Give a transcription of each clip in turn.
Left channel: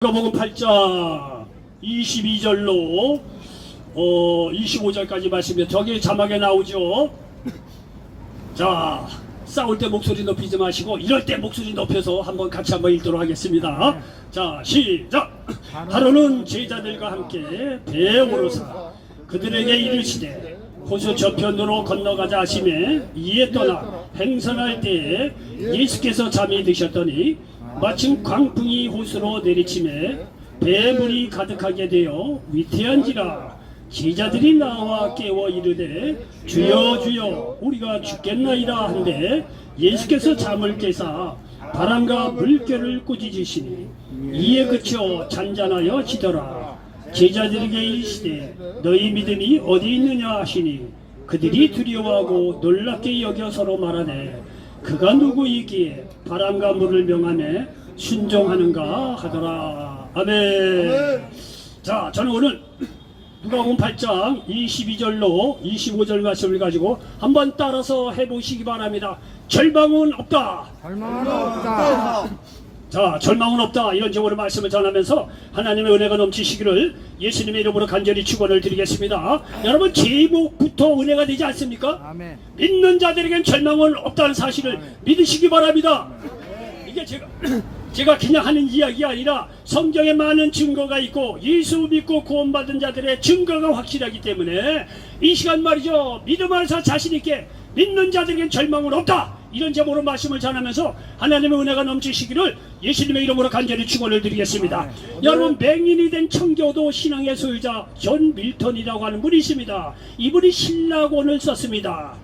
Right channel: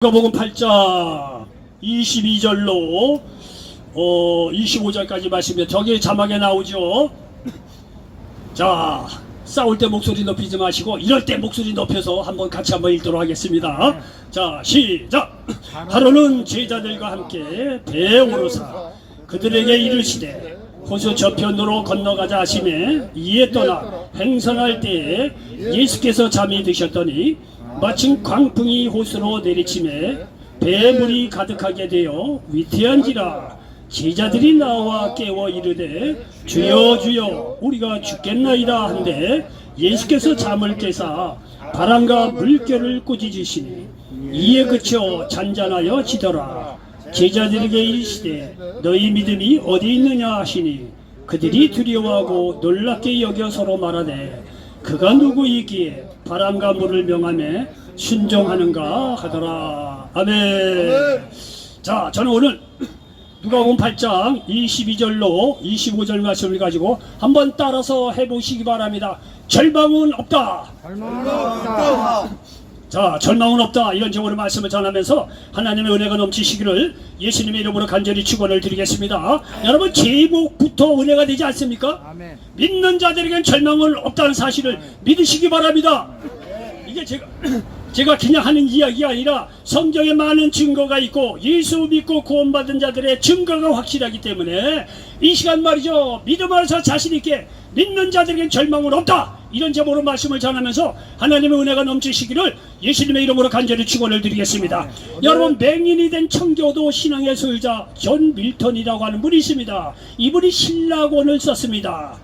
누가복음 8장 22절로 25절까지 말씀이요. 저기 자막에 나오죠. 자, 싸울 때 목소리 높이지 마시고 이럴 때 목소리 높여서 한번 같이 한번 읽도록 하겠습니다. 자, 시작. 하루는 제자들과 함께 배에 오르사 그들에게 이르시되 호수 저편으로 건너가자 하시매 이에 떠나 행선할 때에 예수께서 잠이 드셨더니 마침 광풍이 호수로 내리치매 배에 물이 가득하게 되어 위태한지라 제자들이 나와 깨워 이르되 주여 주여 우리가 죽겠나이다 한데 예수께서 잠을 깨사 바람과 물결을 꾸짖으시니 이에 그쳐 잔잔하여 지더라. 제자들에게 이르시되 너희 믿음이 어디 있느냐 하시니 그들이 두려워하고 놀랍게 여겨 서로 말하되 그가 누구이기에 바람과 물을 명하며 순종하는가 하더라. 아멘. 자, 저는 오늘 누가복음 8장 22절로 25절 말씀을 가지고 한번 따라서 해보시기 바랍니다. 절망은 없다. 절망은 없다. 자, 절망은 없다. 이런 제목으로 말씀을 전하면서 하나님의 은혜가 넘치시기를 예수님의 이름으로 간절히 축원을 드리겠습니다. 여러분, 제목부터 은혜가 되지 않습니까? 아멘. 믿는 자들에겐 절망은 없다는 사실을 아멘. 믿으시기 바랍니다. 이게 제가 그냥 하는 이야기가 아니라 성경에 많은 증거가 있고 예수 믿고 구원받은 자들의 증거가 확실하기 때문에 이 시간 말이죠, 믿음으로서 자신있게 믿는 자들에겐 절망은 없다, 이런 제목으로 말씀을 전하면서 하나님의 은혜가 넘치시기를 예수님의 이름으로 간절히 축원을 드리겠습니다. 여러분, 맹인이 된 청교도 신앙의 소유자 존 밀턴이라고 하는 분이 있습니다. 이분이 신라곤을 썼습니다.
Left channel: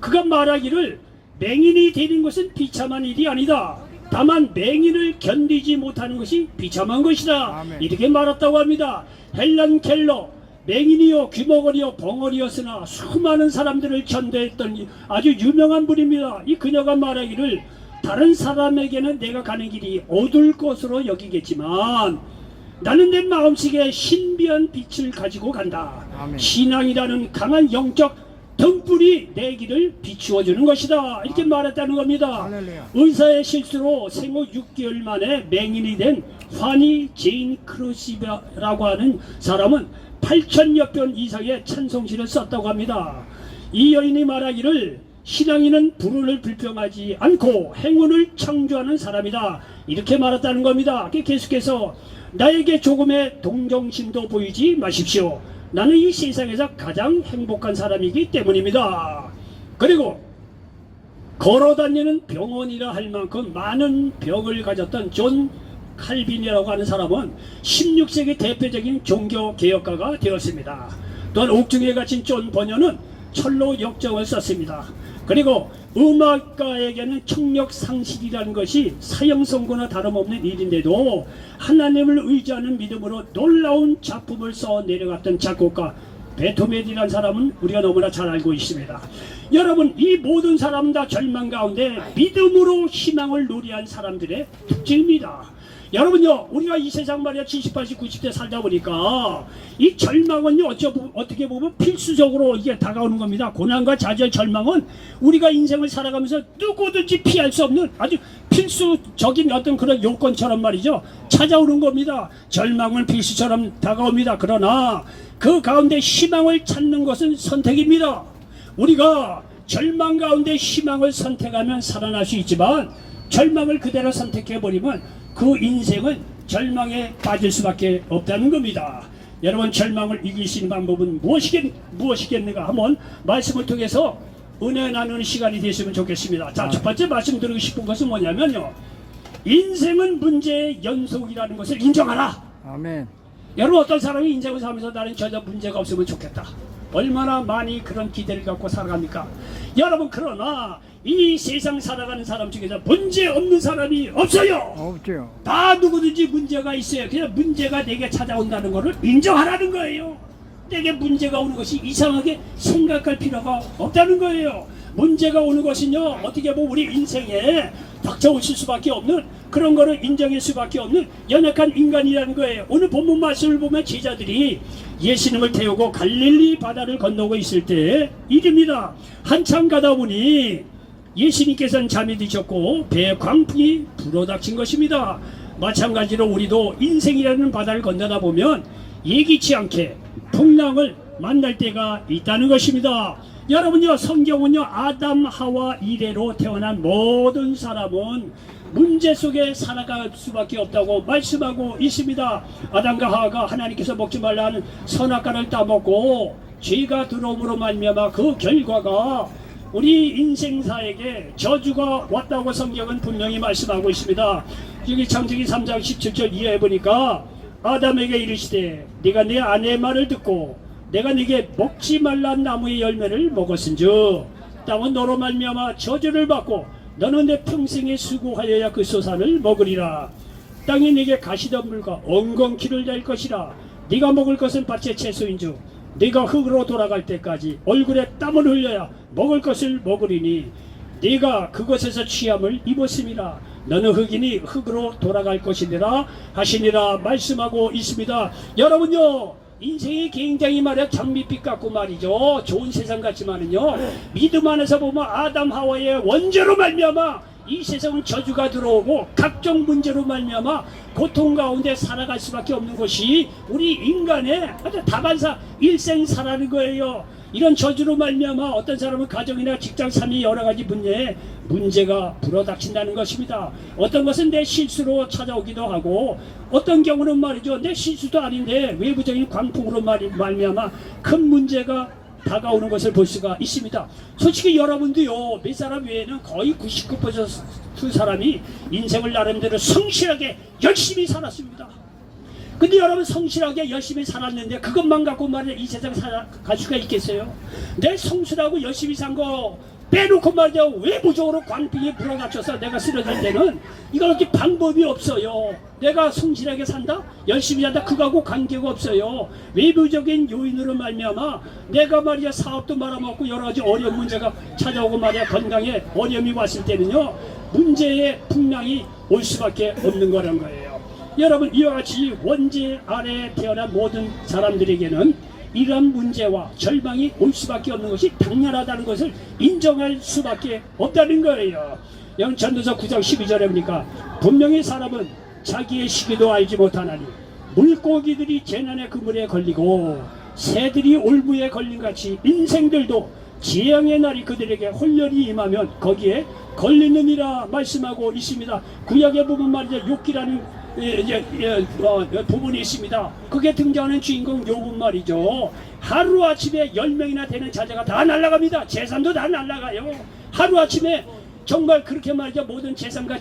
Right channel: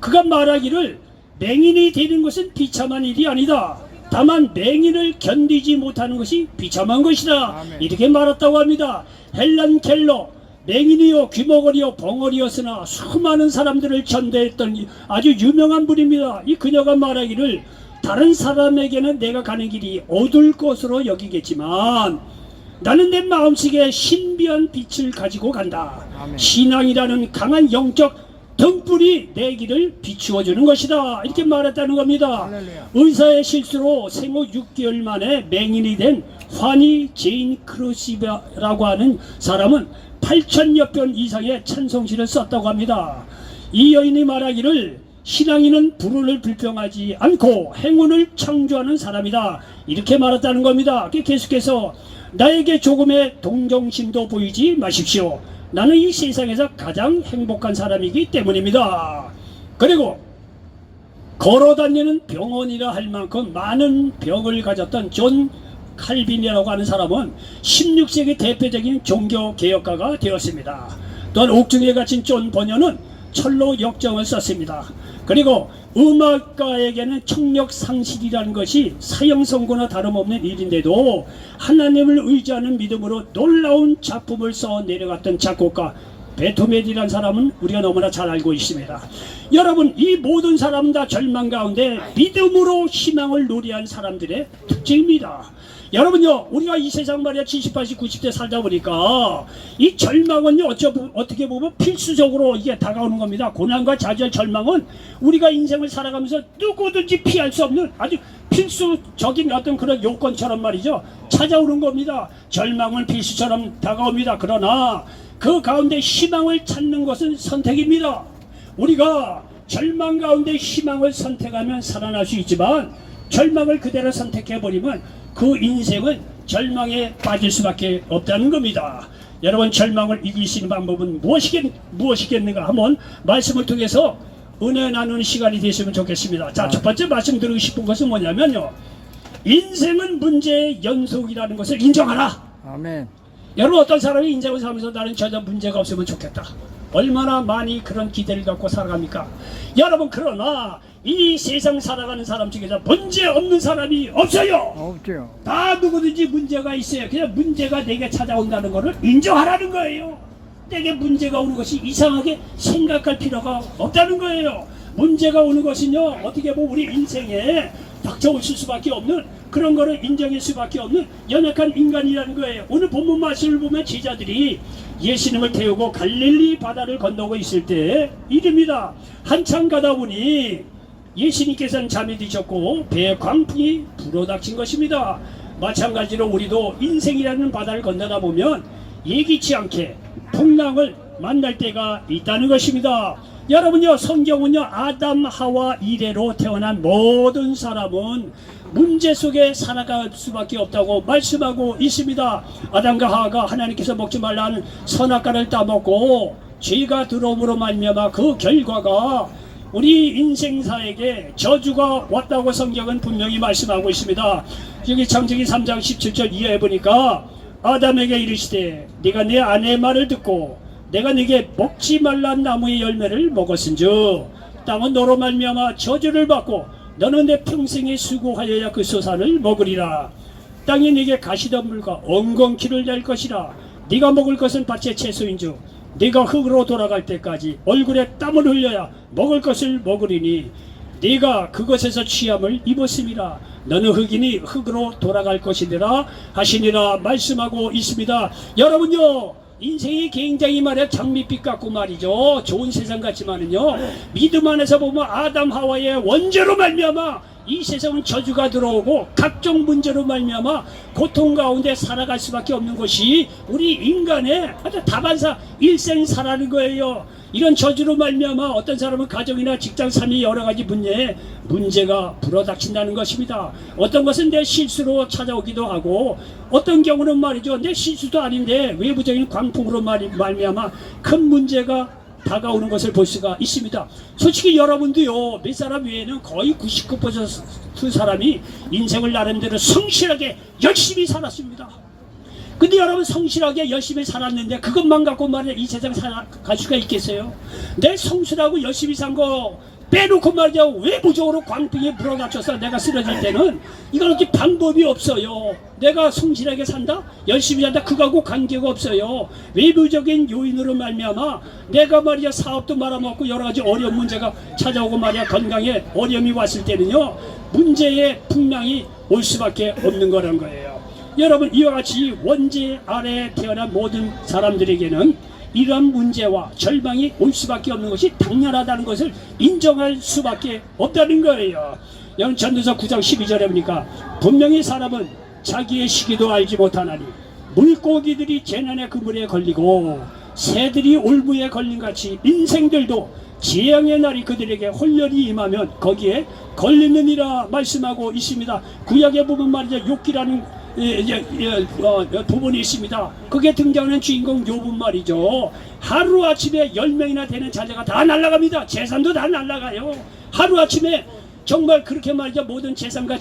그가 말하기를 맹인이 되는 것은 비참한 일이 아니다. 다만 맹인을 견디지 못하는 것이 비참한 것이다. 아멘. 이렇게 말했다고 합니다. 헬런 켈러, 맹인이요 귀머거리요 벙어리였으나 수많은 사람들을 전도했던 아주 유명한 분입니다. 이 그녀가 말하기를 다른 사람에게는 내가 가는 길이 어두울 것으로 여기겠지만 나는 내 마음속에 신비한 빛을 가지고 간다. 아멘. 신앙이라는 강한 영적 등불이 내 길을 비추어 주는 것이다. 이렇게 말했다는 겁니다. 할렐루야. 의사의 실수로 생후 6개월 만에 맹인이 된 환희 제인 크루시바라고 하는 사람은 8,000여 편 이상의 찬송시를 썼다고 합니다. 이 여인이 말하기를 신앙인은 불운을 불평하지 않고 행운을 창조하는 사람이다, 이렇게 말했다는 겁니다. 계속해서 나에게 조금의 동정심도 보이지 마십시오. 나는 이 세상에서 가장 행복한 사람이기 때문입니다. 그리고 걸어다니는 병원이라 할 만큼 많은 병을 가졌던 존 칼빈이라고 하는 사람은 16세기 대표적인 종교개혁가가 되었습니다. 또한 옥중에 갇힌 존 버녀는 철로 역정을 썼습니다. 그리고 음악가에게는 청력상실이라는 것이 사형선고나 다름없는 일인데도 하나님을 의지하는 믿음으로 놀라운 작품을 써 내려갔던 작곡가 베토벤이라는 사람은 우리가 너무나 잘 알고 있습니다. 여러분, 이 모든 사람 다 절망 가운데 믿음으로 희망을 노래한 사람들의 특징입니다. 여러분요, 우리가 이 세상 말이야 70, 80, 90대 살다 보니까 이 절망은요 어떻게 보면 필수적으로 이게 다가오는 겁니다. 고난과 좌절, 절망은 우리가 인생을 살아가면서 누구든지 피할 수 없는 아주 필수적인 어떤 그런 요건처럼 말이죠, 찾아오는 겁니다. 절망은 필수처럼 다가옵니다. 그러나 그 가운데 희망을 찾는 것은 선택입니다. 우리가 절망 가운데 희망을 선택하면 살아날 수 있지만 절망을 그대로 선택해버리면 그 인생은 절망에 빠질 수밖에 없다는 겁니다. 여러분, 절망을 이기시는 방법은 무엇이겠는가 한번 말씀을 통해서 은혜 나누는 시간이 되시면 좋겠습니다. 자, 첫 번째 말씀 드리고 싶은 것은 뭐냐면요, 인생은 문제의 연속이라는 것을 인정하라. 아멘. 여러분, 어떤 사람이 인생을 살면서 나는 전혀 문제가 없으면 좋겠다, 얼마나 많이 그런 기대를 갖고 살아갑니까? 여러분, 그러나 이 세상 살아가는 사람 중에서 문제 없는 사람이 없어요. 없죠. 다 누구든지 문제가 있어요. 그냥 문제가 내게 찾아온다는 것을 인정하라는 거예요. 내게 문제가 오는 것이 이상하게 생각할 필요가 없다는 거예요. 문제가 오는 것은요, 어떻게 보면 우리 인생에 닥쳐오실 수밖에 없는 그런 거를 인정할 수밖에 없는 연약한 인간이라는 거예요. 오늘 본문 말씀을 보면 제자들이 예수님을 태우고 갈릴리 바다를 건너고 있을 때 일입니다. 한참 가다 보니 예수님께서는 잠이 드셨고 배에 광풍이 불어닥친 것입니다. 마찬가지로 우리도 인생이라는 바다를 건너다 보면 예기치 않게 풍랑을 만날 때가 있다는 것입니다. 여러분요, 성경은요, 아담 하와 이래로 태어난 모든 사람은 문제 속에 살아갈 수밖에 없다고 말씀하고 있습니다. 아담과 하와가 하나님께서 먹지 말라는 선악과를 따먹고 죄가 들어옴으로 말미암아 그 결과가 우리 인생사에게 저주가 왔다고 성경은 분명히 말씀하고 있습니다. 여기 창세기 3장 17절 이하에 보니까 아담에게 이르시되 네가 내 아내의 말을 듣고 내가 네게 먹지 말란 나무의 열매를 먹었은즉 땅은 너로 말미암아 저주를 받고 너는 내 평생에 수고하여야 그 소산을 먹으리라. 땅이 네게 가시덤불과 엉겅퀴를 낼 것이라. 네가 먹을 것은 밭의 채소인즉 네가 흙으로 돌아갈 때까지 얼굴에 땀을 흘려야 먹을 것을 먹으리니 네가 그것에서 취함을 입었음이라. 너는 흙이니 흙으로 돌아갈 것이니라 하시니라 말씀하고 있습니다. 여러분요, 인생이 굉장히 말해 장밋빛 같고 말이죠. 좋은 세상 같지만은요, 믿음 안에서 보면 아담 하와의 원죄로 말미암아 이 세상은 저주가 들어오고 각종 문제로 말미암아 고통 가운데 살아갈 수밖에 없는 것이 우리 인간의 아주 다반사 일생사라는 거예요. 이런 저주로 말미암아 어떤 사람은 가정이나 직장 삶이 여러 가지 문제가 불어닥친다는 것입니다. 어떤 것은 내 실수로 찾아오기도 하고 어떤 경우는 말이죠, 내 실수도 아닌데 외부적인 광풍으로 말미암아 큰 문제가 다가오는 것을 볼 수가 있습니다. 솔직히 여러분도요, 몇 사람 외에는 거의 99% 사람이 인생을 나름대로 성실하게 열심히 살았습니다. 근데 여러분, 성실하게 열심히 살았는데 그것만 갖고 말이야 이 세상 살아갈 수가 있겠어요? 내 성실하고 열심히 산 거 빼놓고 말이야 외부적으로 광풍이 불어닥쳐서 내가 쓰러질 때는 이건 어떻게 방법이 없어요. 내가 성실하게 산다? 열심히 산다? 그거하고 관계가 없어요. 외부적인 요인으로 말미암아 내가 말이야 사업도 말아먹고 여러 가지 어려운 문제가 찾아오고 말이야 건강에 어려움이 왔을 때는요, 문제의 풍랑이 올 수밖에 없는 거란 거예요. 여러분, 이와 같이 원죄 아래에 태어난 모든 사람들에게는 이러한 문제와 절망이 올 수밖에 없는 것이 당연하다는 것을 인정할 수밖에 없다는 거예요. 여러분, 전도서 9장 12절에 보니까 분명히 사람은 자기의 시기도 알지 못하나니 물고기들이 재난의 그물에 걸리고 새들이 올무에 걸린 같이 인생들도 재앙의 날이 그들에게 홀렬히 임하면 거기에 걸리느니라 말씀하고 있습니다. 구약에 보면 말이죠, 욥기라는 부분이 있습니다. 그게 등장하는 주인공 욥은 말이죠, 하루아침에 10명이나 되는 자녀가 다 날아갑니다. 재산도 다 날아가요. 하루아침에 정말 그렇게 말이죠, 모든 재산과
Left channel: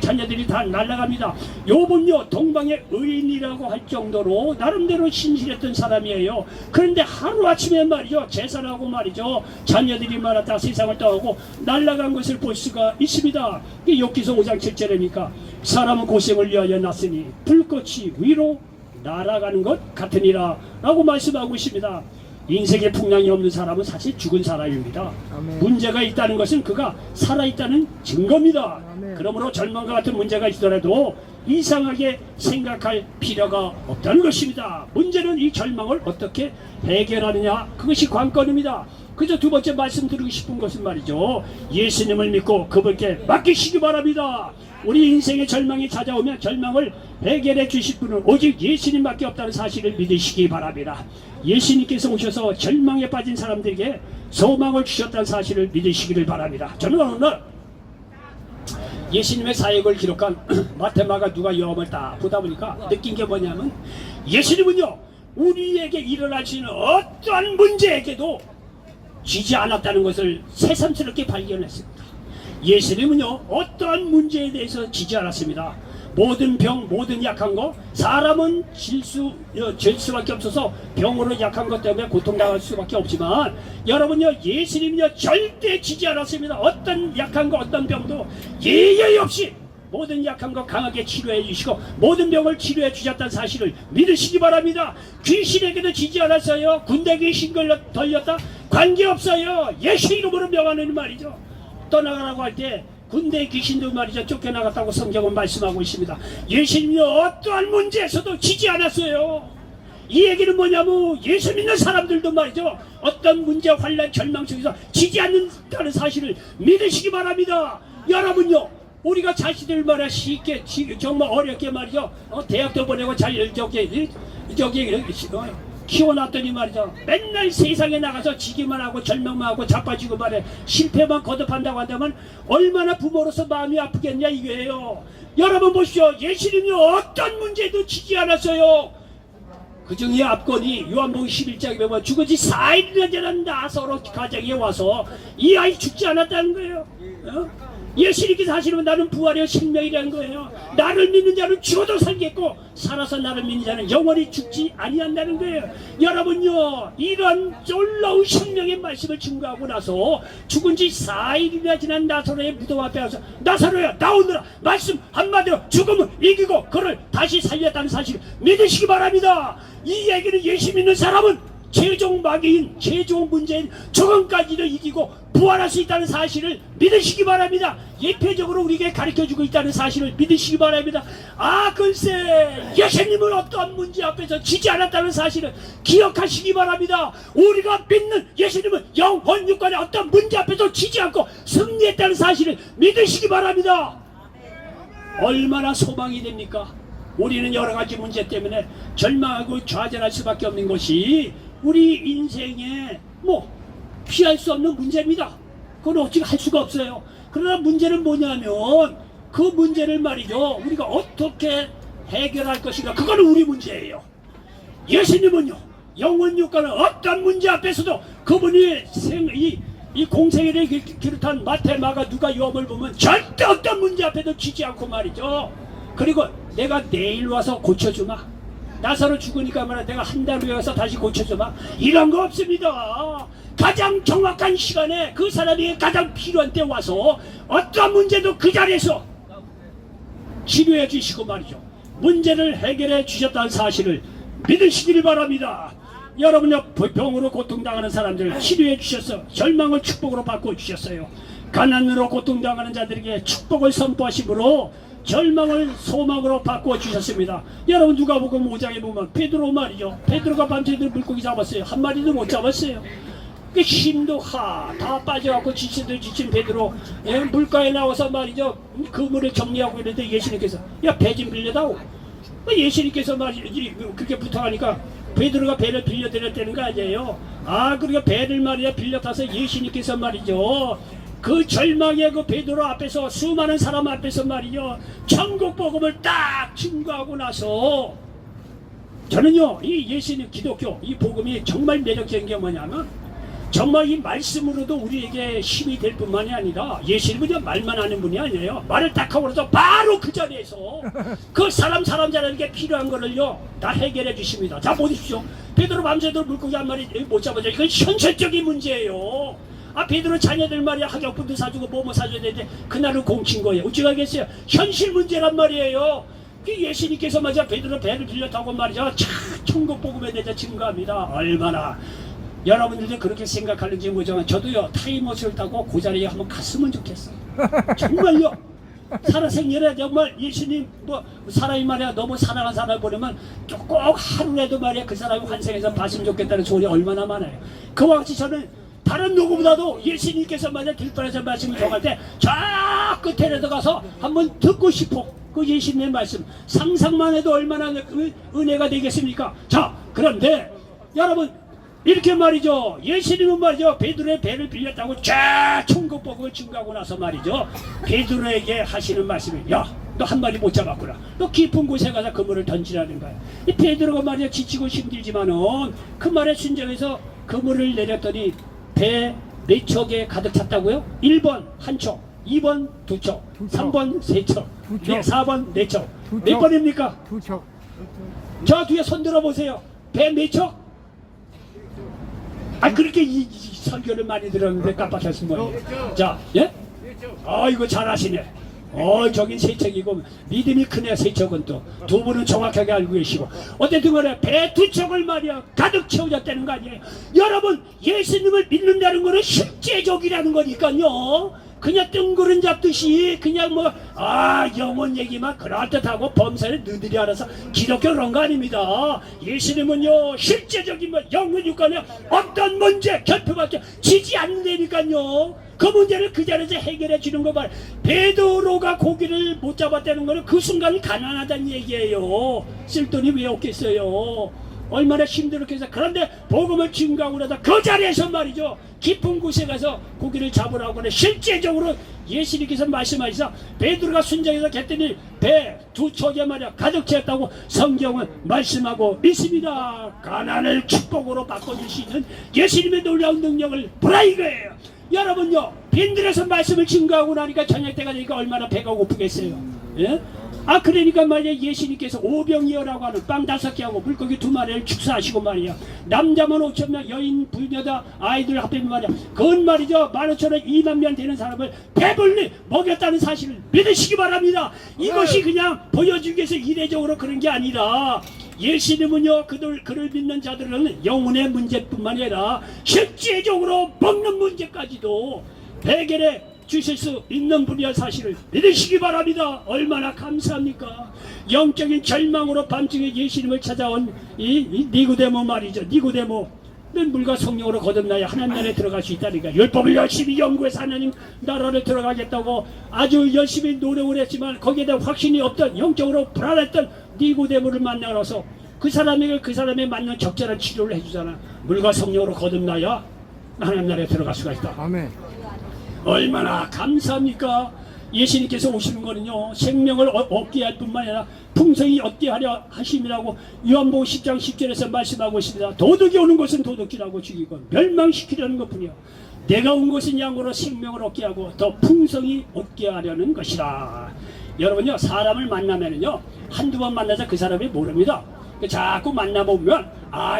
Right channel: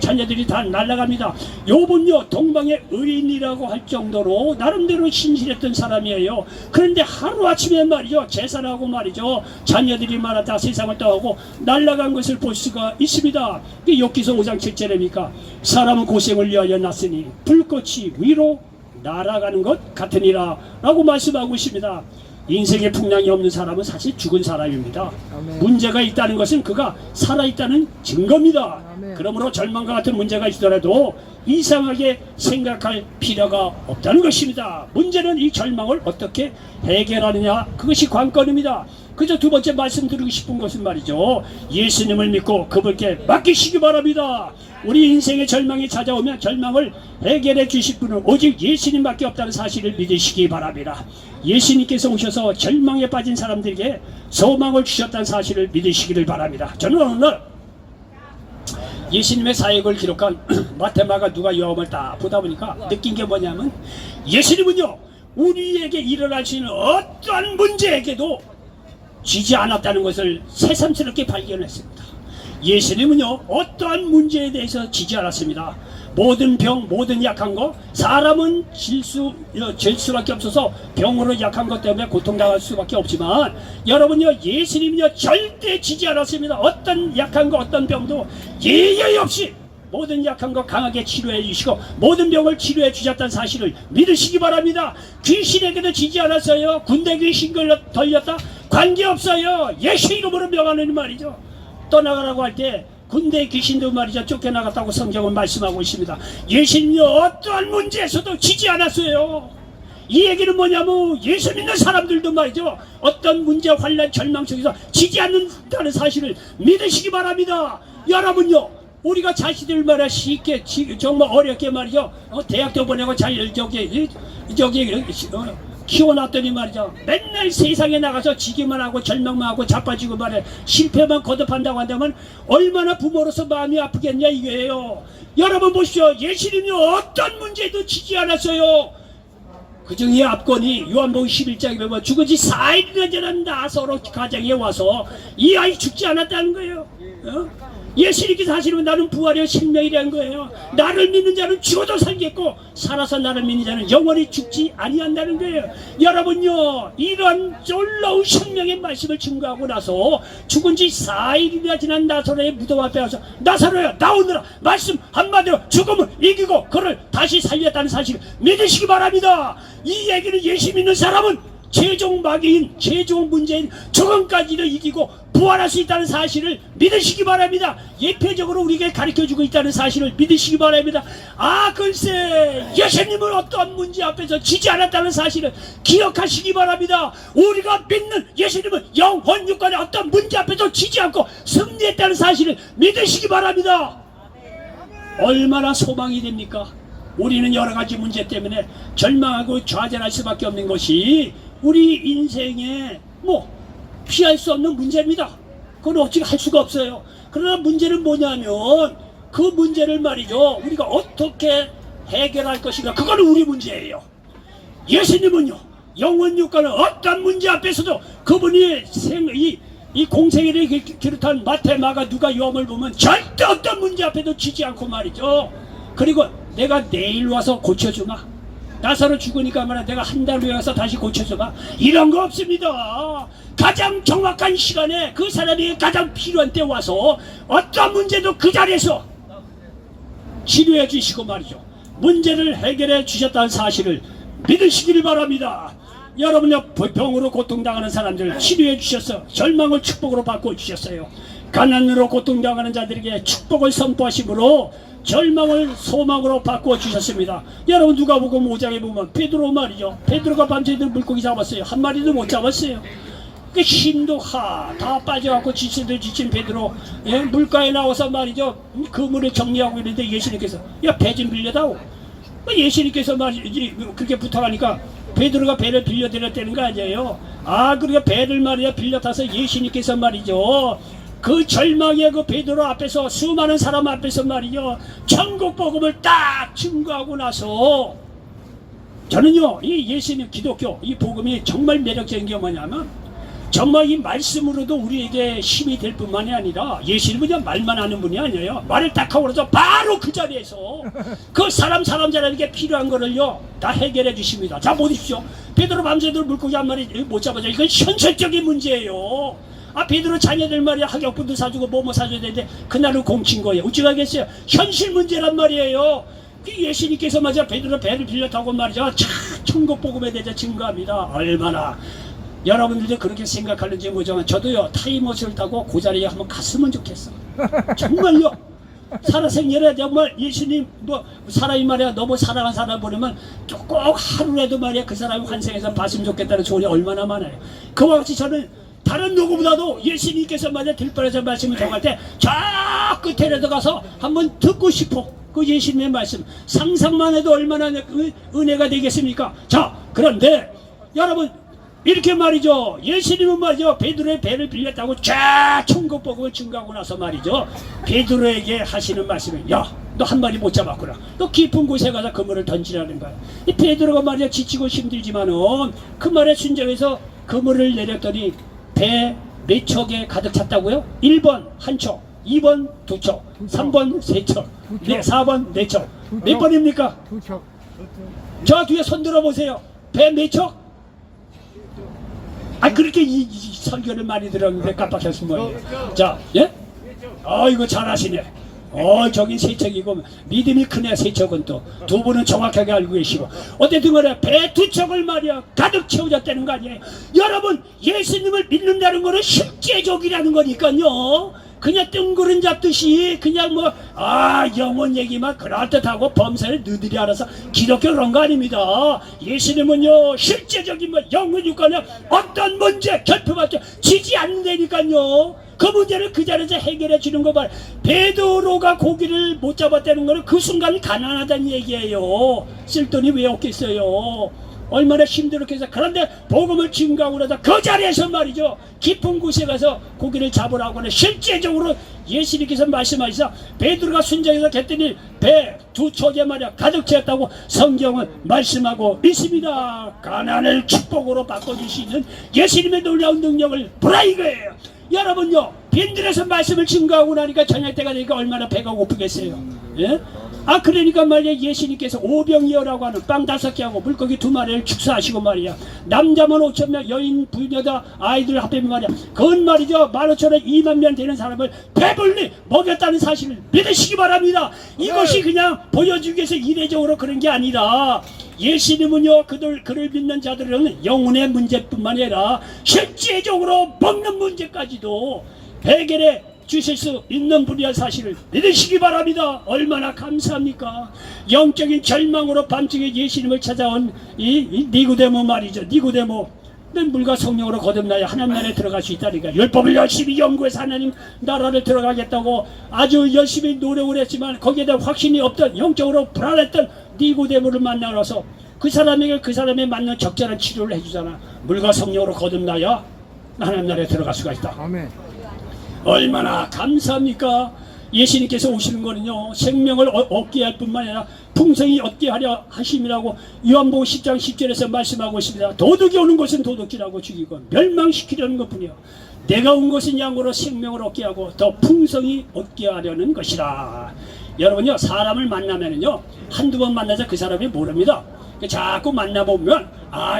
자녀들이 다 날아갑니다. 욥은요, 동방의 의인이라고 할 정도로 나름대로 신실했던 사람이에요. 그런데 하루아침에 말이죠, 재산하고 말이죠, 자녀들이 말았다 세상을 떠나고 날아간 것을 볼 수가 있습니다. 욥기서 5장 7절에니까 사람은 고생을 위하여 났으니 불꽃이 위로 날아가는 것 같으니라 라고 말씀하고 있습니다. 인생에 풍랑이 없는 사람은 사실 죽은 사람입니다. 아멘. 문제가 있다는 것은 그가 살아있다는 증거입니다. 아멘. 그러므로 절망과 같은 문제가 있더라도 이상하게 생각할 필요가 없다는 것입니다. 문제는 이 절망을 어떻게 해결하느냐, 그것이 관건입니다. 그저 두 번째 말씀드리고 싶은 것은 말이죠, 예수님을 믿고 그분께 맡기시기 바랍니다. 우리 인생의 절망이 찾아오면 절망을 해결해 주실 분은 오직 예수님밖에 없다는 사실을 믿으시기 바랍니다. 예수님께서 오셔서 절망에 빠진 사람들에게 소망을 주셨다는 사실을 믿으시기를 바랍니다. 저는 어느 날 예수님의 사역을 기록한 마테마가 누가 요함을 딱 보다 보니까 느낀 게 뭐냐면, 예수님은요, 우리에게 일어날 수 있는 어떠한 문제에게도 지지 않았다는 것을 새삼스럽게 발견했습니다. 예수님은요, 어떠한 문제에 대해서 지지 않았습니다. 모든 병, 모든 약한 거, 사람은 질 수밖에 없어서 병으로 약한 것 때문에 고통당할 수밖에 없지만, 여러분요, 예수님은요, 절대 지지 않았습니다. 어떤 약한 거, 어떤 병도 예외 없이 모든 약한 거 강하게 치료해 주시고 모든 병을 치료해 주셨다는 사실을 믿으시기 바랍니다. 귀신에게도 지지 않았어요. 군대 귀신 걸렸다? 관계없어요. 예수 이름으로 명하는 말이죠. 떠나가라고 할 때 군대 귀신도 말이죠, 쫓겨나갔다고 성경은 말씀하고 있습니다. 예수님이 어떠한 문제에서도 지지 않았어요. 이 얘기는 뭐냐면, 예수 믿는 사람들도 말이죠, 어떤 문제, 환난, 절망 속에서 지지 않는다는 사실을 믿으시기 바랍니다. 여러분요, 우리가 자식들 말이야 쉽게 정말 어렵게 말이죠. 대학도 보내고 잘 저기 키워놨더니 말이죠. 맨날 세상에 나가서 지기만 하고 절망만 하고 자빠지고 말이야. 실패만 거듭한다고 한다면 얼마나 부모로서 마음이 아프겠냐 이거예요. 여러분 보시오. 예수님이 어떤 문제도 지지 않았어요. 그중에 앞권이 요한복음 11장에 보면 죽은 지 4일이나 되는 나사로 가정에 와서 이 아이 죽지 않았다는 거예요. 예수님께서 하시는 나는 부활의 생명이라는 거예요. 나를 믿는 자는 죽어도 살겠고 살아서 나를 믿는 자는 영원히 죽지 아니한다는 거예요. 여러분요, 이런 놀라운 생명의 말씀을 증거하고 나서 죽은 지 4일이나 지난 나사로의 무덤 앞에 와서 나사로야 나오느라 말씀 한마디로 죽음을 이기고 그를 다시 살렸다는 사실을 믿으시기 바랍니다. 이 얘기를 예수 믿는 사람은 최종 마귀인 최종 문제인 죽음까지도 이기고 부활할 수 있다는 사실을 믿으시기 바랍니다. 예표적으로 우리에게 가르쳐주고 있다는 사실을 믿으시기 바랍니다. 아 글쎄 예수님은 어떤 문제 앞에서 지지 않았다는 사실을 기억하시기 바랍니다. 우리가 믿는 예수님은 영원 육간의 어떤 문제 앞에서 지지 않고 승리했다는 사실을 믿으시기 바랍니다. 얼마나 소망이 됩니까? 우리는 여러가지 문제 때문에 절망하고 좌절할 수밖에 없는 것이 우리 인생에 피할 수 없는 문제입니다. 그건 어찌 할 수가 없어요. 그러나 문제는 뭐냐면 그 문제를 말이죠 우리가 어떻게 해결할 것인가, 그거는 우리 문제예요. 예수님은요 영원 육가는 어떤 문제 앞에서도 그분이 이 공생애를 비롯한 마태, 마가, 누가, 요한을 보면 절대 어떤 문제 앞에도 지지 않고 말이죠. 그리고 내가 내일 와서 고쳐주마, 나사로 죽으니까 말이야 내가 한 달 후에 와서 다시 고쳐줘봐, 이런 거 없습니다. 가장 정확한 시간에 그 사람이 가장 필요한 때 와서 어떤 문제도 그 자리에서 치료해 주시고 말이죠 문제를 해결해 주셨다는 사실을 믿으시길 바랍니다. 여러분요 병으로 고통당하는 사람들을 치료해 주셔서 절망을 축복으로 바꿔 주셨어요. 가난으로 고통당하는 자들에게 축복을 선포하심으로 절망을 소망으로 바꾸어 주셨습니다. 여러분 누가복음 5장에 보면 베드로 말이죠. 베드로가 밤새도록 물고기 잡았어요. 한 마리도 못 잡았어요. 그 힘도 다 빠져갖고 지친 베드로 물가에 나와서 말이죠. 그물을 정리하고 있는데 예수님께서 야 배 좀 빌려다오. 예수님께서 말이지 그렇게 부탁하니까 베드로가 배를 빌려드렸다는 거 아니에요. 그러니까 배를 말이야 빌려 타서 예수님께서 말이죠. 그 절망의 그 베드로 앞에서 수많은 사람 앞에서 말이죠 천국 복음을 딱 증거하고 나서 저는요 이 예수님 기독교 이 복음이 정말 매력적인 게 뭐냐면 정말 이 말씀으로도 우리에게 힘이 될 뿐만이 아니라 예수님은 그냥 말만 하는 분이 아니에요. 말을 딱 하고 나서 바로 그 자리에서 그 사람들에게 필요한 거를요 다 해결해 주십니다. 자 보십시오. 베드로 밤새도록 물고기 한 마리 못 잡아서 이건 현실적인 문제예요. 베드로 자녀들 말이야 학용품도 사주고 뭐 사줘야 되는데 그날은 공친 거예요. 어찌하겠어요. 현실 문제란 말이에요. 그 예수님께서 말이야 베드로 배를 빌려 타고 말이죠 천국 복음에 대해서 증거합니다. 얼마나 여러분들도 그렇게 생각하는지 모르지만 저도요 타임머신을 타고 그 자리에 한번 갔으면 좋겠어요. 정말요. 살아생전에 정말 예수님 사람이 말이야 너무 사랑하는 사람 보내면 꼭 하루라도 말이야 그 사람이 환생해서 봤으면 좋겠다는 소리 얼마나 많아요. 그와 같이 저는 다른 누구보다도 예수님께서 만약 들판에서 말씀을 전할 때 저 끝에라도 가서 한번 듣고 싶어. 그 예수님의 말씀 상상만 해도 얼마나 은혜가 되겠습니까? 자 그런데 여러분 이렇게 말이죠 예수님은 말이죠 베드로의 배를 빌렸다고 쫙 천국 복음을 증거하고 나서 말이죠 베드로에게 하시는 말씀이 야 너 한 마리 못 잡았구나. 너 깊은 곳에 가서 그물을 던지라는 거야. 이 베드로가 말이야 지치고 힘들지만은 그 말에 순종해서 그물을 내렸더니 배 몇 척에 가득 찼다고요? 1번 1척, 2번 2척, 3번 3척, 4번 4척. 몇 번입니까? 2척. 저 뒤에 손 들어보세요. 배 몇 척? 그렇게 이 설교를 많이 들었는데 깜빡했습니다. 자, 예? 이거 잘하시네. 저긴 세척이고 믿음이 크네. 세척은 또 두 분은 정확하게 알고 계시고 어쨌든 간에 배 2척을 말이야 가득 채워졌다는 거 아니에요. 여러분 예수님을 믿는다는 거는 실제적이라는 거니까요. 그냥 뜬구름 잡듯이 그냥 뭐 영혼 얘기만 그럴듯하고 범사를 너희들이 알아서 기독교 그런 거 아닙니다. 예수님은요 실제적인 뭐 영혼 육간에 어떤 문제 결핍받죠 지지 않는다니까요. 그 문제를 그 자리에서 해결해 주는 거 봐요. 베드로가 고기를 못 잡았다는 거는 그 순간 가난하다는 얘기예요. 쓸 돈이 왜 없겠어요. 얼마나 힘들었겠어요. 그런데 복음을 증거하고 그러다 그 자리에서 말이죠 깊은 곳에 가서 고기를 잡으라고 하는 실제적으로 예수님께서 말씀하시자 베드로가 순정해서 했더니 배 두 척에 말이야 가득 채웠다고 성경은 말씀하고 있습니다. 가난을 축복으로 바꿔주시는 예수님의 놀라운 능력을 보라 이거예요. 여러분요 빈들에서 말씀을 증거하고 나니까 저녁 때가 되니까 얼마나 배가 고프겠어요. 예? 그러니까 말이야 예수님께서 오병이어라고 하는 빵 5개하고 물고기 2마리를 축사하시고 말이야 남자만 5,000명 여인 부녀다 아이들 합하면 말이야 그건 말이죠 15,000원 2만 명 되는 사람을 배불리 먹였다는 사실을 믿으시기 바랍니다. 이것이 그냥 보여주기 위해서 이례적으로 그런 게 아니라 예수님은요 그를 믿는 자들은 영혼의 문제뿐만 아니라 실제적으로 먹는 문제까지도 해결해 주실 수 있는 분이야 사실을 믿으시기 바랍니다. 얼마나 감사합니까. 영적인 절망으로 밤중에 예수님을 찾아온 이 니고데모 말이죠. 니고데모 는 물과 성령으로 거듭나야 하나님 나라에 들어갈 수 있다니까. 율법을 열심히 연구해서 하나님 나라를 들어가겠다고 아주 열심히 노력을 했지만 거기에 대한 확신이 없던 영적으로 불안했던 니고데모를 만나서 그 사람에게 그 사람에 맞는 적절한 치료를 해주잖아. 물과 성령으로 거듭나야 하나님 나라에 들어갈 수가 있다. 아멘. 얼마나 감사합니까. 예수님께서 오시는 거는요 생명을 얻게 할 뿐만 아니라 풍성히 얻게 하려 하심이라고 요한복음 10장 10절에서 말씀하고 있습니다. 도둑이 오는 것은 도둑질하고 죽이고 멸망시키려는 것뿐이요 내가 온 것은 양으로 생명을 얻게 하고 더 풍성히 얻게 하려는 것이라. 여러분요 사람을 만나면요 한두 번 만나서 그 사람이 모릅니다. 자꾸 만나보면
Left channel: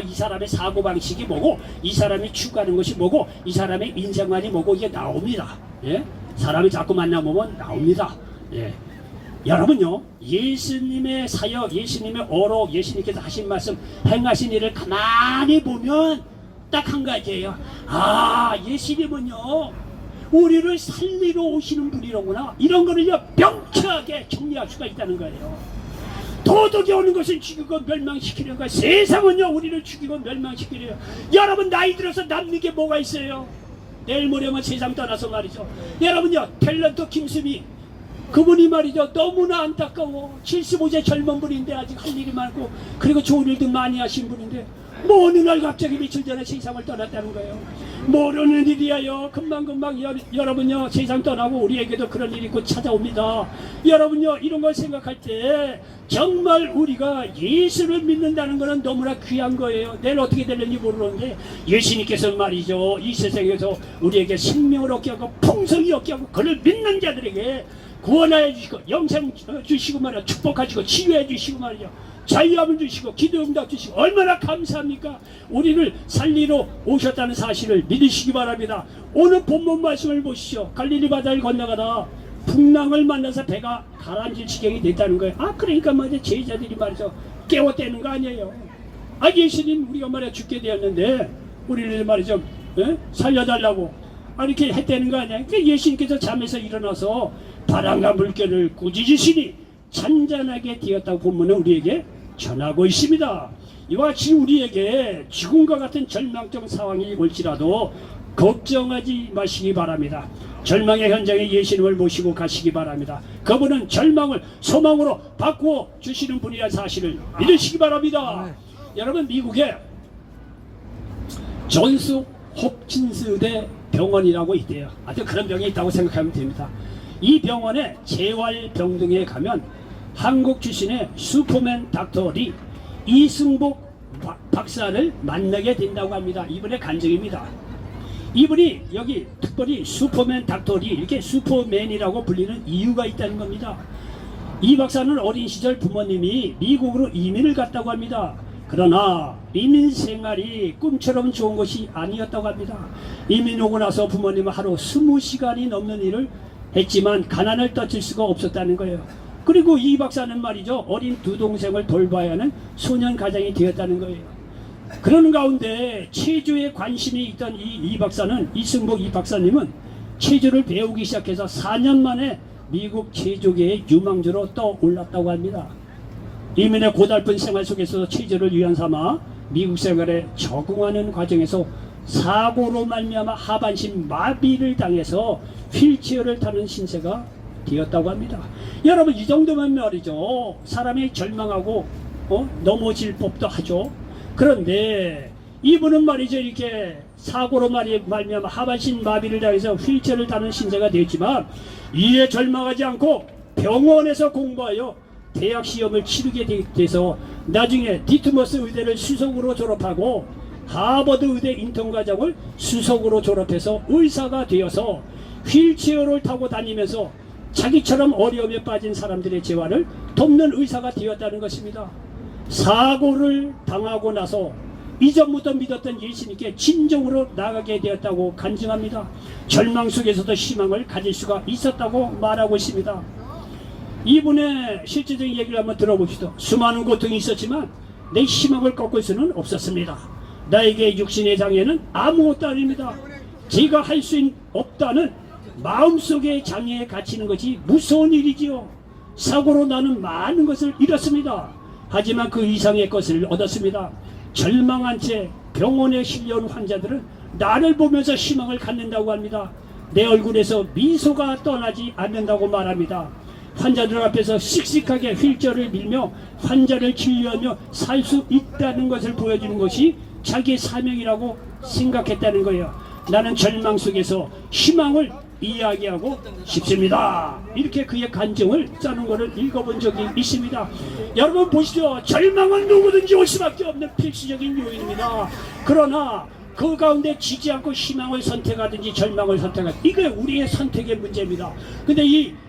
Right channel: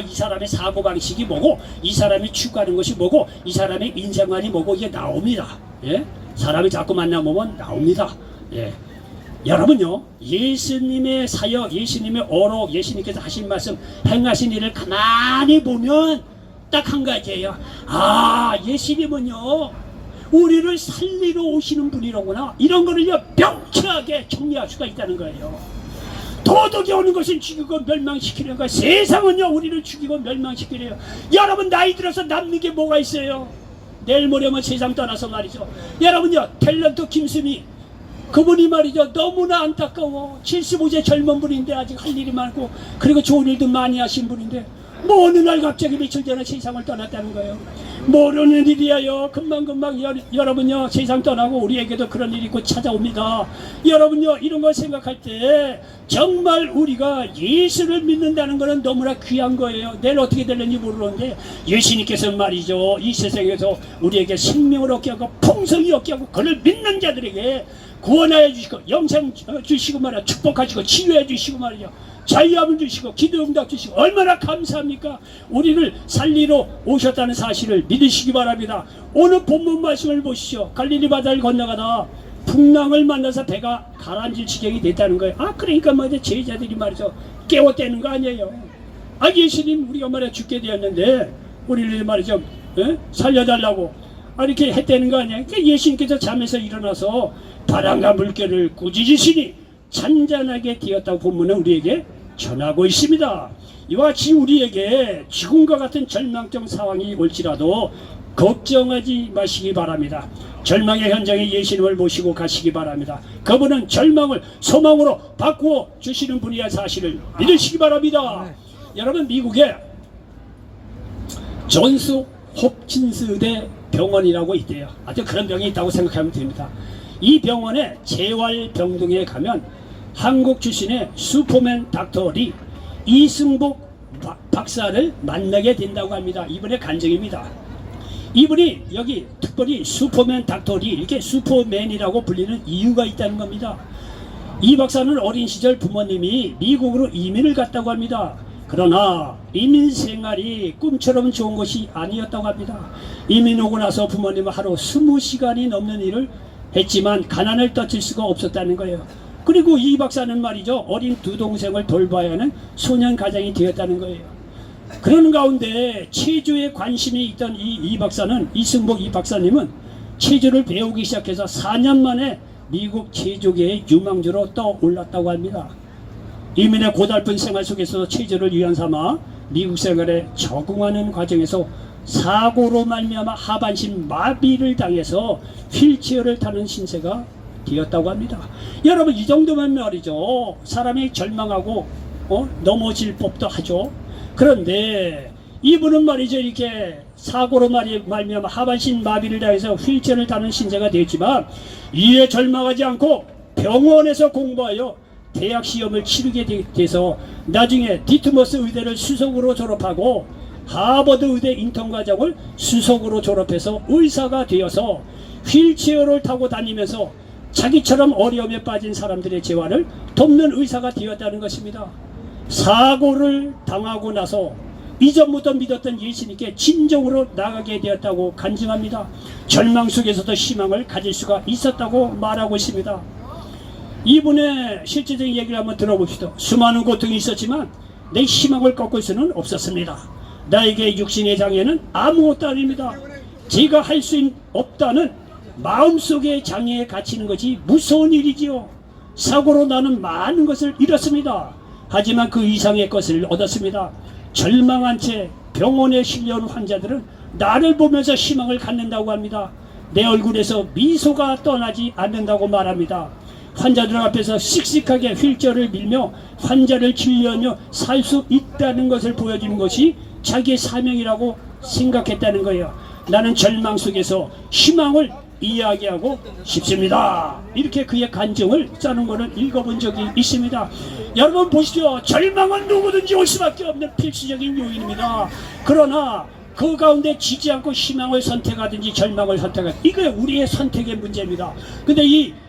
이 사람의 사고방식이 뭐고 이 사람이 추구하는 것이 뭐고 이 사람의 인생관이 뭐고 이게 나옵니다. 예? 사람이 자꾸 만나보면 나옵니다. 예. 여러분요 예수님의 사역 예수님의 어록 예수님께서 하신 말씀 행하신 일을 가만히 보면 딱 한 가지예요. 예수님은요 우리를 살리러 오시는 분이로구나. 이런 거를요 명쾌하게 정리할 수가 있다는 거예요. 도둑이 오는 것은 죽이고 멸망시키는 거야. 세상은요 우리를 죽이고 멸망시키래요. 여러분 나이 들어서 남는 게 뭐가 있어요. 내일 모레면 세상 떠나서 말이죠. 여러분요 탤런트 김수미 그분이 말이죠 너무나 안타까워. 75세 젊은 분인데 아직 할 일이 많고 그리고 좋은 일도 많이 하신 분인데 뭐 어느 날 갑자기 며칠 전에 세상을 떠났다는 거예요. 모르는 일이에요. 금방금방 여러분요 세상 떠나고 우리에게도 그런 일이 곧 찾아옵니다. 여러분요 이런 걸 생각할 때 정말 우리가 예수를 믿는다는 것은 너무나 귀한 거예요. 내일 어떻게 될는지 모르는데 예수님께서 말이죠 이 세상에서 우리에게 생명을 얻게 하고 풍성히 얻게 하고 그를 믿는 자들에게 구원하여 주시고 영생 주시고 말이야 축복하시고 치유해 주시고 말이야 자유함을 주시고 기도응답 주시고 얼마나 감사합니까. 우리를 살리러 오셨다는 사실을 믿으시기 바랍니다. 오늘 본문 말씀을 보시죠. 갈릴리 바다를 건너가다 풍랑을 만나서 배가 가라앉을 지경이 됐다는 거예요. 그러니까 말이죠 제자들이 말이죠 깨웠다는 거 아니에요. 예수님 우리가 말이야 죽게 되었는데 우리를 말이죠 살려달라고 이렇게 했다는 거 아니에요. 그러니까 예수님께서 잠에서 일어나서 바람과 물결을 꾸짖으시니 잔잔하게 되었다고 본문은 우리에게 전하고 있습니다. 이와 같이 우리에게 지금과 같은 절망적 상황이 올지라도 걱정하지 마시기 바랍니다. 절망의 현장에 예수님을 모시고 가시기 바랍니다. 그분은 절망을 소망으로 바꾸어 주시는 분이라는 사실을 믿으시기 바랍니다. 여러분 미국에 존스 홉킨스대 병원이라고 있대요. 아주 그런 병이 있다고 생각하면 됩니다. 이 병원에 재활병동에 가면 한국 출신의 슈퍼맨 닥터 리 이승복 박사를 만나게 된다고 합니다. 이분의 간증입니다. 이분이 여기 특별히 슈퍼맨 닥터 리 이렇게 슈퍼맨이라고 불리는 이유가 있다는 겁니다. 이 박사는 어린 시절 부모님이 미국으로 이민을 갔다고 합니다. 그러나 이민 생활이 꿈처럼 좋은 것이 아니었다고 합니다. 이민 오고 나서 부모님은 하루 20시간이 넘는 일을 했지만 가난을 떨칠 수가 없었다는 거예요. 그리고 이 박사는 말이죠 어린 두 동생을 돌봐야 하는 소년 가장이 되었다는 거예요. 그런 가운데 체조에 관심이 있던 이 박사는 이승복 이 박사님은 체조를 배우기 시작해서 4년 만에 미국 체조계의 유망주로 떠올랐다고 합니다. 이민의 고달픈 생활 속에서 체조를 위안 삼아 미국 생활에 적응하는 과정에서 사고로 말미암아 하반신 마비를 당해서 휠체어를 타는 신세가 되었다고 합니다. 여러분, 이 정도면 말이죠, 사람이 절망하고 넘어질 법도 하죠. 그런데 이분은 말이죠, 이렇게 사고로 말미암아 하반신 마비를 당해서 휠체어를 타는 신세가 되었지만 이에 절망하지 않고 병원에서 공부하여 대학 시험을 치르게 돼서 나중에 디트머스 의대를 수석으로 졸업하고 하버드 의대 인턴 과정을 수석으로 졸업해서 의사가 되어서 휠체어를 타고 다니면서 자기처럼 어려움에 빠진 사람들의 재활을 돕는 의사가 되었다는 것입니다. 사고를 당하고 나서 이전부터 믿었던 예수님께 진정으로 나가게 되었다고 간증합니다. 절망 속에서도 희망을 가질 수가 있었다고 말하고 있습니다. 이분의 실제적인 얘기를 한번 들어봅시다. 수많은 고통이 있었지만 내 희망을 꺾을 수는 없었습니다. 나에게 육신의 장애는 아무것도 아닙니다. 제가 할 수 없다는 마음속의 장애에 갇히는 것이 무서운 일이지요. 사고로 나는 많은 것을 잃었습니다. 하지만 그 이상의 것을 얻었습니다. 절망한 채 병원에 실려온 환자들은 나를 보면서 희망을 갖는다고 합니다. 내 얼굴에서 미소가 떠나지 않는다고 말합니다. 환자들 앞에서 씩씩하게 휠체어를 밀며 환자를 진료하며 살 수 있다는 것을 보여주는 것이 자기의 사명이라고 생각했다는 거예요. 나는 절망 속에서 희망을 이야기하고 싶습니다. 이렇게 그의 간증을 짜는 것을 읽어본 적이 있습니다. 여러분 보시죠. 절망은 누구든지 올 수밖에 없는 필수적인 요인입니다. 그러나 그 가운데 지지 않고 희망을 선택하든지 절망을 선택하든지 이게 우리의 선택의 문제입니다. 근데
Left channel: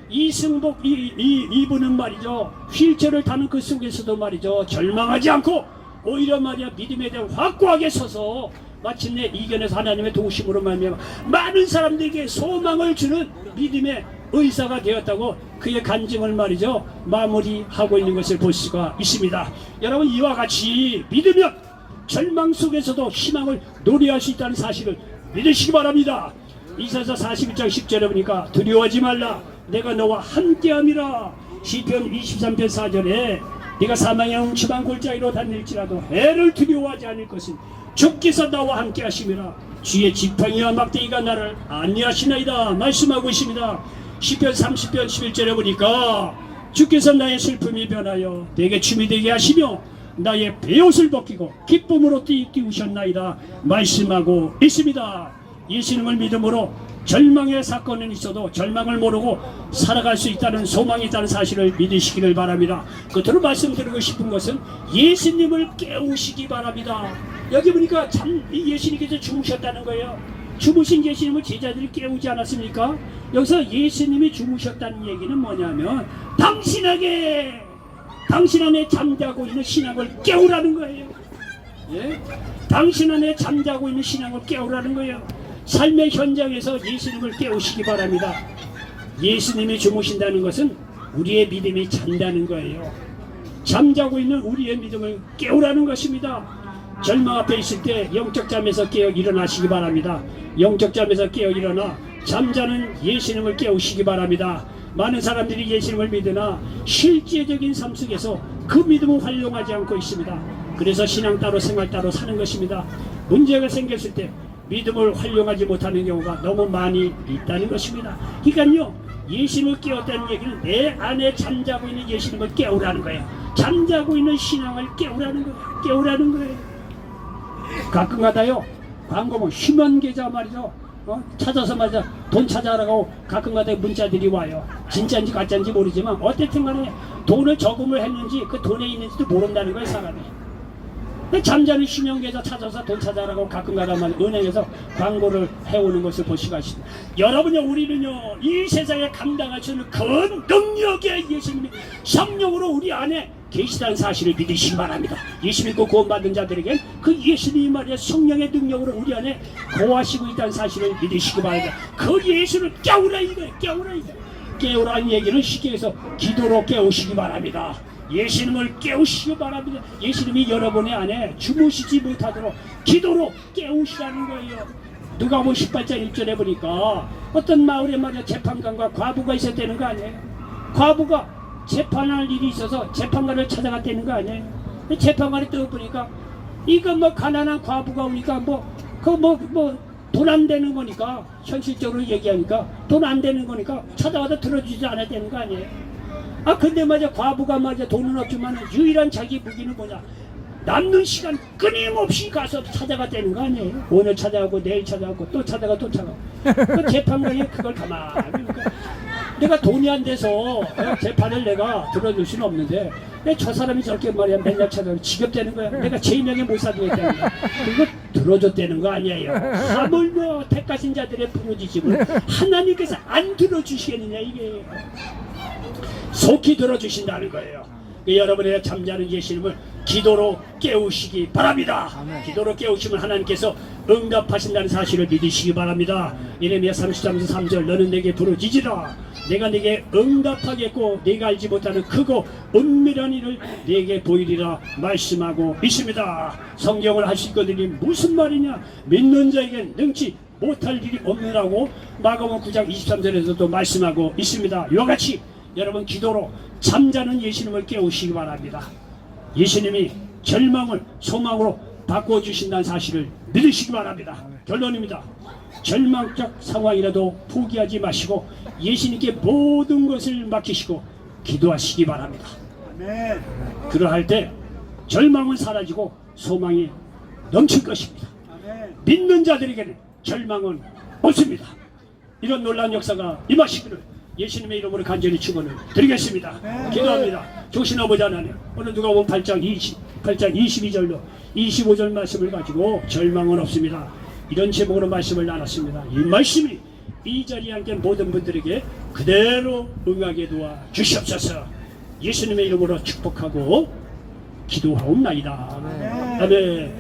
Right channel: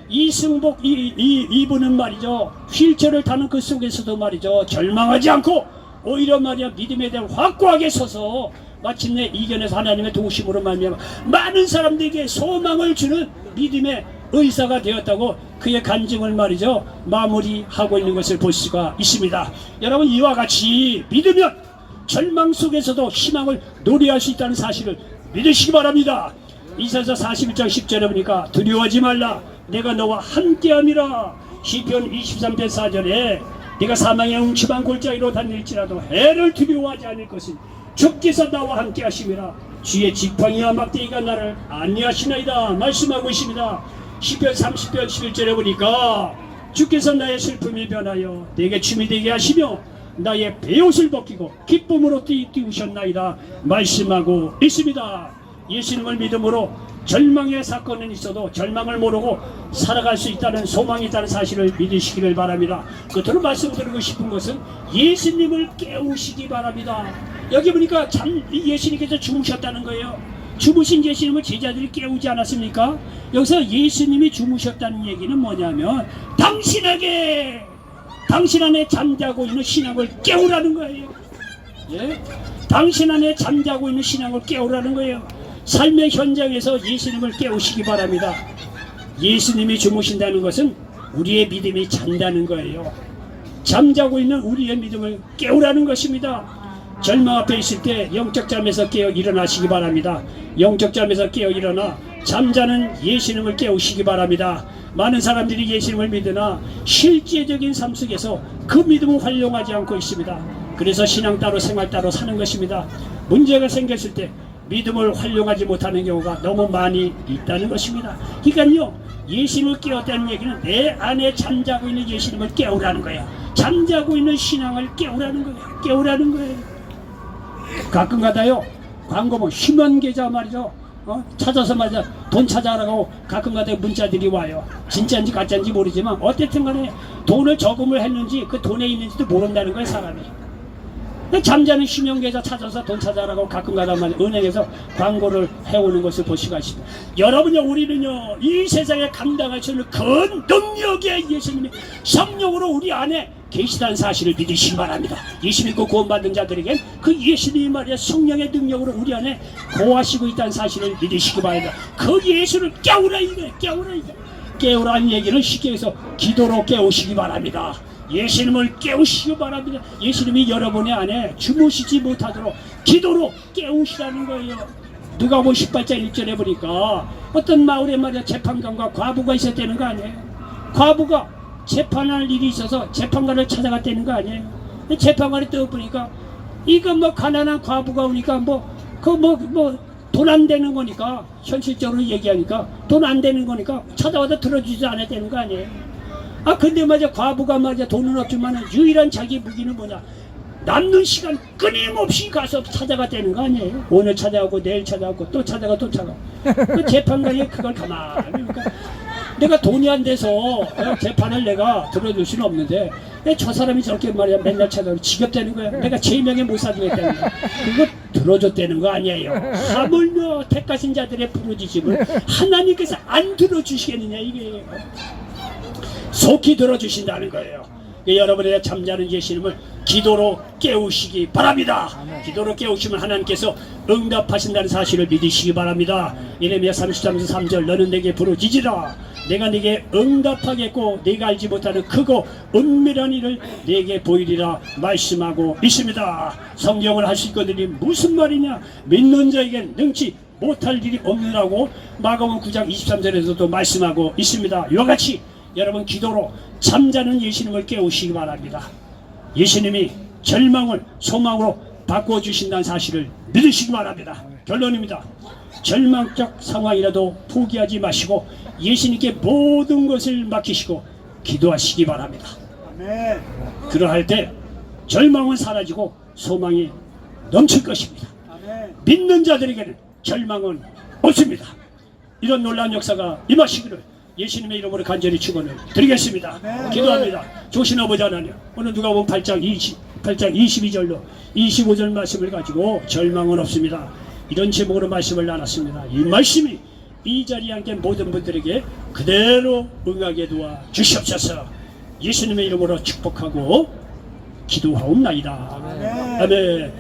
이승복 이분은 말이죠, 휠체어를 타는 그 속에서도 말이죠, 절망하지 않고 오히려 말이야 믿음에 대해 확고하게 서서 마침내 이겨내서 하나님의 도우심으로 말미암아 많은 사람들에게 소망을 주는 믿음의 의사가 되었다고 그의 간증을 말이죠 마무리하고 있는 것을 볼 수가 있습니다. 여러분, 이와 같이 믿으면 절망 속에서도 희망을 노래할 수 있다는 사실을 믿으시기 바랍니다. 이사야 41장 10절에 보니까 두려워하지 말라, 내가 너와 함께함이라. 시편 23편 4절에 네가 사망의 웅침한 골짜기로 다닐지라도 해를 두려워하지 않을 것은 주께서 나와 함께 하심이라. 주의 지팡이와 막대기가 나를 안위하시나이다 말씀하고 있습니다. 시편 30편 11절에 보니까 주께서 나의 슬픔이 변하여 내게 춤이 되게 하시며 나의 베옷을 벗기고 기쁨으로 띄우셨나이다 말씀하고 있습니다. 예수님을 믿음으로 절망의 사건은 있어도 절망을 모르고 살아갈 수 있다는 소망이 있다는 사실을 믿으시기를 바랍니다. 끝으로 말씀드리고 싶은 것은 예수님을 깨우시기 바랍니다. 여기 보니까 예수님께서 주무셨다는 거예요. 주무신 예수님을 제자들이 깨우지 않았습니까? 여기서 예수님이 주무셨다는 얘기는 뭐냐면 당신 안에 잠자고 있는 신앙을 깨우라는 거예요. 예? 당신 안에 잠자고 있는 신앙을 깨우라는 거예요. 삶의 현장에서 예수님을 깨우시기 바랍니다. 예수님이 주무신다는 것은 우리의 믿음이 잔다는 거예요. 잠자고 있는 우리의 믿음을 깨우라는 것입니다. 절망 앞에 있을 때 영적 잠에서 깨어 일어나시기 바랍니다. 영적 잠에서 깨어 일어나 잠자는 예수님을 깨우시기 바랍니다. 많은 사람들이 예수님을 믿으나 실제적인 삶 속에서 그 믿음을 활용하지 않고 있습니다. 그래서 신앙 따로 생활 따로 사는 것입니다. 문제가 생겼을 때 믿음을 활용하지 못하는 경우가 너무 많이 있다는 것입니다. 그러니까요, 예수님을 깨웠다는 얘기는 내 안에 잠자고 있는 예수님을 깨우라는 거예요. 잠자고 있는 신앙을 깨우라는 거예요. 가끔 가다요, 광고 휴먼 계좌 말이죠, 찾아서 말이죠, 돈 찾아라고 가끔 가다 문자들이 와요. 진짜인지 가짜인지 모르지만 어쨌든 간에 돈을 저금을 했는지 그 돈에 있는지도 모른다는 거예요, 사람이. 잠자는 휴명계좌 찾아서 돈 찾아라고 가끔 가다만 은행에서 광고를 해오는 것을 볼 수가 있습니다. 여러분요, 우리는요, 이 세상에 감당할 수 있는 그 능력의 예수님이 성령으로 우리 안에 계시다는 사실을 믿으시기 바랍니다. 예수 믿고 구원받은 자들에게 그 예수님이 말이야 성령의 능력으로 우리 안에 거하시고 있다는 사실을 믿으시기 바랍니다. 그 예수를 깨우라 이거예요. 깨우라는 얘기는 쉽게 해서 기도로 깨우시기 바랍니다. 예수님을 깨우시기 바랍니다. 예수님이 여러분의 안에 주무시지 못하도록 기도로 깨우시라는 거예요. 누가복음 18장 1절에 보니까 어떤 마을에 말이야 재판관과 과부가 있었다는 거 아니에요. 과부가 재판할 일이 있어서 재판관을 찾아갔다는 거 아니에요. 근데 재판관이 떠보니까 이거 뭐 가난한 과부가 오니까 돈 안 되는 거니까 현실적으로 얘기하니까 돈 안 되는 거니까 찾아와도 들어주지 않았다는 거 아니에요. 아 근데 맞아 과부가 맞아 돈은 없지만 유일한 자기 무기는 뭐냐, 남는 시간 끊임없이 가서 찾아갔다는 거 아니에요. 오늘 찾아가고 내일 찾아가고 또 찾아가 또 찾아가. 그 재판관이 그걸 가만히 그러니까 내가 돈이 안 돼서 재판을 내가 들어줄 수는 없는데 저 사람이 저렇게 말이야 맨날 찾아가고 지겹다는 거야. 내가 제명에 못 살겠다는 거야. 그거 들어줬다는 거 아니에요. 하물며 택하신 자들의 부르짖음을 하나님께서 안 들어주시겠느냐 이게. 속히 들어주신다는 거예요. 여러분의 잠자는 예수님을 기도로 깨우시기 바랍니다. 기도로 깨우시면 하나님께서 응답하신다는 사실을 믿으시기 바랍니다. 예레미야 33장 3절 너는 내게 부르짖으라 내가 네게 응답하겠고 네가 알지 못하는 크고 은밀한 일을 네게 보이리라 말씀하고 있습니다. 성경을 하실 것들이 무슨 말이냐, 믿는 자에겐 능치 못할 일이 없느라고 마가복음 9장 23절에서도 말씀하고 있습니다. 이와 같이 여러분 기도로 잠자는 예수님을 깨우시기 바랍니다. 예수님이 절망을 소망으로 바꿔주신다는 사실을 믿으시기 바랍니다. 결론입니다. 절망적 상황이라도 포기하지 마시고 예수님께 모든 것을 맡기시고 기도하시기 바랍니다. 그러할 때 절망은 사라지고 소망이 넘칠 것입니다. 믿는 자들에게는 절망은 없습니다. 이런 놀라운 역사가 임하시기를 예수님의 이름으로 간절히 축원을 드리겠습니다. 기도합니다. 조신 아버지 하나님, 오늘 누가복음 8장 22절로 25절 말씀을 가지고 절망은 없습니다. 이런 제목으로 말씀을 나눴습니다. 이 말씀이 이 자리에 함께 모든 분들에게 그대로 응하게 도와 주시옵소서. 예수님의 이름으로 축복하고 기도하옵나이다. 아멘.